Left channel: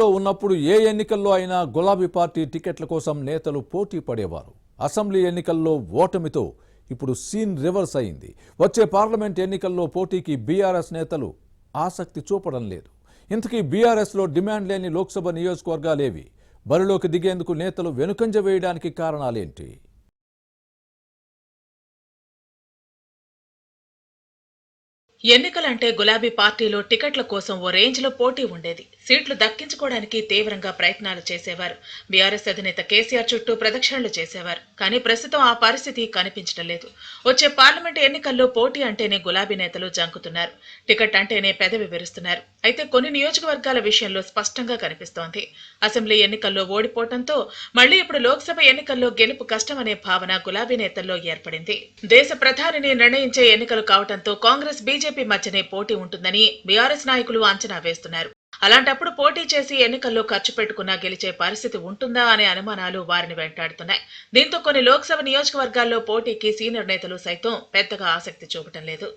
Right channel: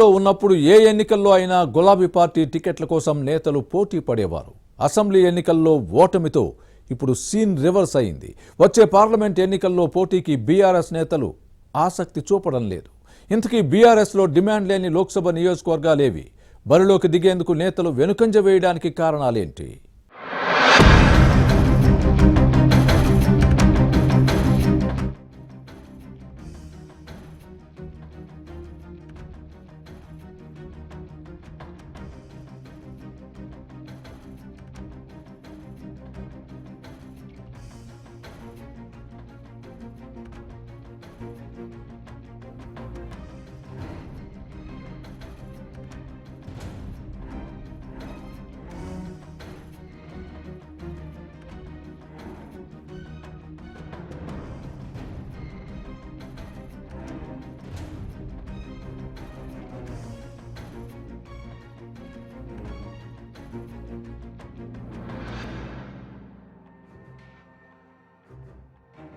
అధికారంలో ఉన్నప్పుడు ఏ ఎన్నికల్లో అయినా గులాబీ పార్టీ టికెట్ల కోసం నేతలు పోటీ పడేవారు. అసెంబ్లీ ఎన్నికల్లో ఓటమితో ఇప్పుడు సీన్ రివర్స్ అయింది. వచ్చే పార్లమెంట్ ఎన్నికల్లో పోటీకి బీఆర్ఎస్ నేతలు ఆసక్తి చూపడం లేదు. ఇంతకీ బీఆర్ఎస్లో డిమాండ్ లేని లోక్సభ నియోజకవర్గాలేవి? బరిలోకి దిగేందుకు నేతలు వెనుకంజ వేయడానికి కారణాలేంటి? ఎన్నికలంటే గులాబీ పార్టీలో టికెట్ల కోసం ఓ రేంజ్ లో పోటీ ఉండేది. సీట్లు దక్కించుకోవడానికి తీవ్రంగా ప్రయత్నాలు చేసేవారు. బీఆర్ఎస్ అధినేత కేసీఆర్ చుట్టూ ప్రదక్షిణలు చేసేవారు. కానీ ప్రస్తుతం ఆ పరిస్థితి కనిపించడం లేదు. వచ్చే పార్లమెంట్ ఎన్నికల్లో పోటీ అంటేనే గులాబీ నేతలు జంకుతున్నారు. టికెట్ అంటేనే పెదవి విరుస్తున్నారు. అయితే కొన్ని నియోజకవర్గాల విషయంలో స్పష్టంగా కనిపిస్తోంది. అసెంబ్లీ ఎన్నికల్లో ఓడిపోవడంతో మళ్లీ ఇప్పుడు లోక్సభ ఎన్నికల్లో గెలుపు కష్టమనే భావన గులాబీ నేతల్లో ఏర్పడింది. దేశ ప్రధానిని నిర్ణయించే ఎన్నికలు కావడంతో కాంగ్రెస్ బీజేపీ మధ్యనే పోటీ ఉంటుందని బీఆర్ఎస్ నాయకులు అంచనా వేస్తున్నారు. అలాంటప్పుడు పోటీ చేసి ఎన్నికల్లో ఖర్చు పెట్టుకున్నా గెలిచే పరిస్థితి ఉంటుందా అనే అనుమానాలు వారిని వెంటాడుతున్నాయి. దీంతో కొన్ని లోక్సభ నియోజకవర్గాల్లో పోటీకి సీనియర్ నేతలు సైతం పెద్దగా ఆసక్తి చూపటం లేదు.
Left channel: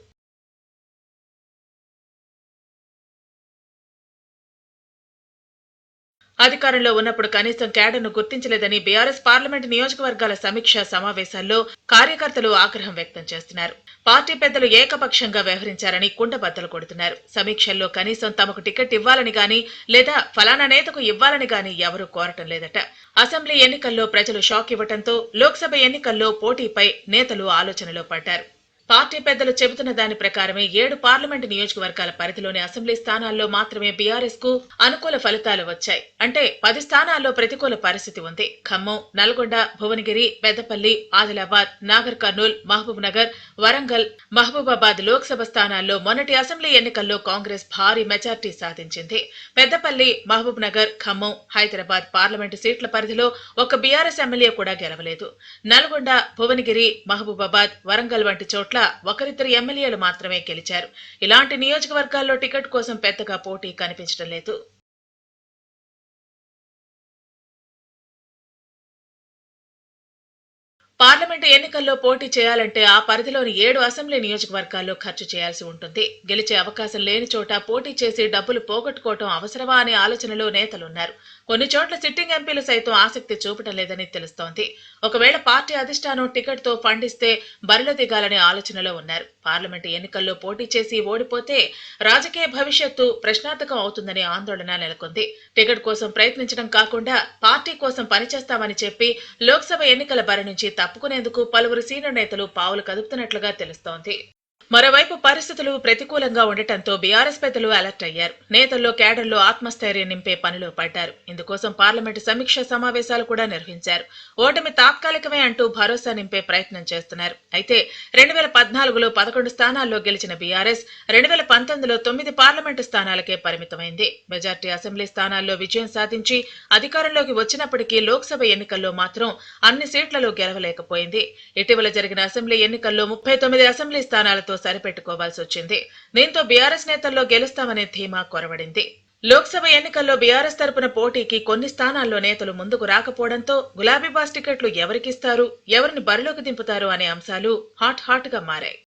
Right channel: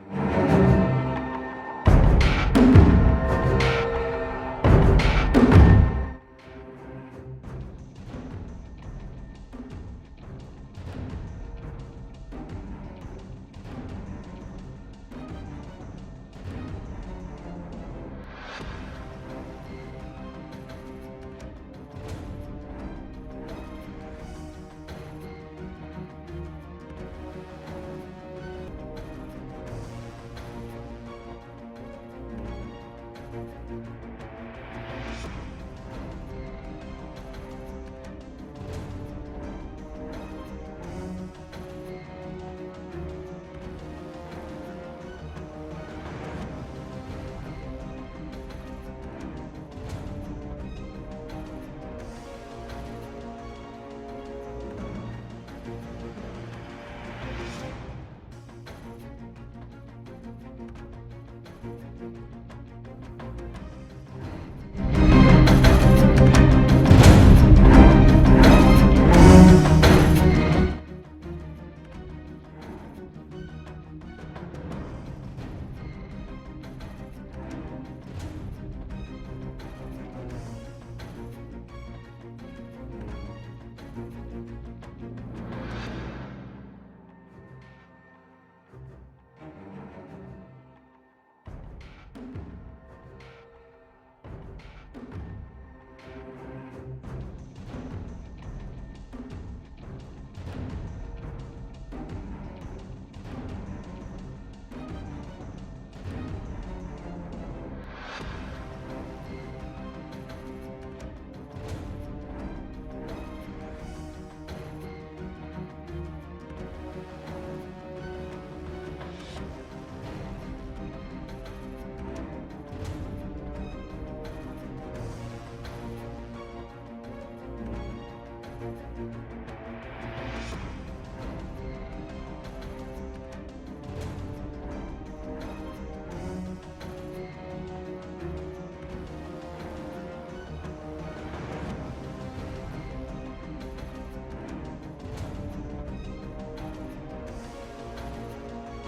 అధికారంలో ఉన్నప్పుడు కనీసం క్యాడర్ను గుర్తించలేదని బీఆర్ఎస్ పార్లమెంట్ నియోజకవర్గాల సమీక్ష సమావేశాల్లో కార్యకర్తలు ఆగ్రహం వ్యక్తం చేస్తున్నారు. పార్టీ పెద్దలు ఏకపక్షంగా వ్యవహరించారని కుండబద్దలు కొడుతున్నారు. సమీక్షల్లో కనీసం తమకు టికెట్ ఇవ్వాలని గాని లేదా ఫలానా నేతకు ఇవ్వాలని గాని ఎవరూ కోరటం లేదట. అసెంబ్లీ ఎన్నికల్లో ప్రజలు షాక్ ఇవ్వడంతో లోక్సభ ఎన్నికల్లో పోటీపై నేతలు ఆలోచనలో పడ్డారు. పార్టీ పెద్దలు చెబుతున్న దాని ప్రకారమే 7 పార్లమెంటు నియోజకవర్గాల పరిధిలోని అసెంబ్లీ స్థానాల్లో మాత్రమే బీఆర్ఎస్ కు అనుకూల ఫలితాలు వచ్చాయి. అంటే 10 స్థానాల్లో ప్రతికూల పరిస్థితి ఉంది. ఖమ్మం, నల్గొండ, భువనగిరి, పెద్దపల్లి, ఆదిలాబాద్, నాగర్ కర్నూల్, మహబూబ్ నగర్, వరంగల్, మహబూబాబాద్ లోక్సభ స్థానాల్లో మొన్నటి అసెంబ్లీ ఎన్నికల్లో కాంగ్రెస్ భారీ మెజార్టీ సాధించింది. పెద్దపల్లి, మహబూబ్ నగర్, ఖమ్మం, హైదరాబాద్ పార్లమెంటు సీట్ల పరిధిలో ఒక బీఆర్ఎస్ ఎమ్మెల్యే కూడా గెలవలేదు. నల్గొండ, భువనగిరి, మహబూబాబాద్, వరంగల్ వంటి చోట్ల ఒకరిద్దరు ఎమ్మెల్యేలు మాత్రమే గెలిచారు. ఇలాంటి నియోజకవర్గాల్లో టికెట్ కోసం పెద్దగా పోటీ కనిపించడం లేదు. పార్లమెంటు ఎన్నికల్లో పోటీ చేయాలంటే ఆ పరిధిలోని 7 అసెంబ్లీ నియోజకవర్గాల్లో ఖర్చు చేయాల్సి ఉంటుంది. గెలిచే అవకాశం లేని చోట పోటీ చేసి డబ్బులు పోగొట్టుకోవటం అవసరమా అనే ఆలోచనలో నేతలున్నారు. కొన్ని చోట్ల సిట్టింగ్ ఎంపీలు సైతం ఆసక్తి చూపటం లేదని తెలుస్తోంది. ఒకవేళ పార్టీ అధిష్టానం టికెట్ తో ఫండ్ ఇస్తే బరిలో దిగాలనే ఆలోచనలో ఉన్నారు. పార్లమెంటు ఎన్నికల్లో పోటీ చేసి ఓడిపోతే రాజకీయ భవిష్యత్తు ప్రశ్నార్థకం అవుతుందనే ఆందోళన నెలకొంది. టికెట్ కోసం ప్రయత్నించడం కాకుండా పార్టీ కోసం పనిచేస్తామని చెప్పి లోక్సభ ఎన్నికల బరి నుంచి తప్పుకునేందుకు పలువురు సీనియర్ నేతలు పావులు కదుపుతున్నట్లుగా తెలుస్తోంది. మరోవైపు పరిస్థితులు ప్రతికూలంగా ఉండటంతో బీఆర్ఎస్ పెద్దలు అలర్ట్ అయ్యారు. నేతల్లో క్యాడర్లో ఆత్మస్థైర్యం నింపే పనిలో పడ్డారు. ఇందుకోసం పార్లమెంటు సమీక్ష సమావేశాలు కూడా నిర్వహించారు. ఓటమి తాత్కాలికమే అంటూ భరోసా నింపే ప్రయత్నం చేస్తున్నారు. అయితే 2014లో 11 స్థానాల్లో గెలిచిన బీఆర్ఎస్ 2019లో 9 పార్లమెంటు స్థానాలకే పరిమితమైంది. మెజార్టీ అసెంబ్లీ స్థానాల్లో విజయం సాధించి అధికారంలోకి వచ్చినప్పటికీ లోక్సభ ఎన్నికల్లో మాత్రం అన్ని సీట్లలో గెలవలేకపోయింది. ఇటీవల జరిగిన అసెంబ్లీ ఎన్నికల్లో 39 అసెంబ్లీ స్థానాలతో సరిపెట్టుకోవాల్సి వచ్చింది. దీంతో బీఆర్ఎస్ నేతల్లో గెలుస్తామనే ధీమా కొరవడింది. లోక్సభ ఎన్నికల్లో బీఆర్ఎస్ తరపున పోటీకి కొన్ని స్థానాల్లో నేతలు ముందుకు రాకపోవడంతో గులాబీ బాస్ టికెట్లు ఎవరికిస్తారు, ఎవరిని బరిలోకి దింపుతారు అనే అంశాలు హాట్ గా మారాయి.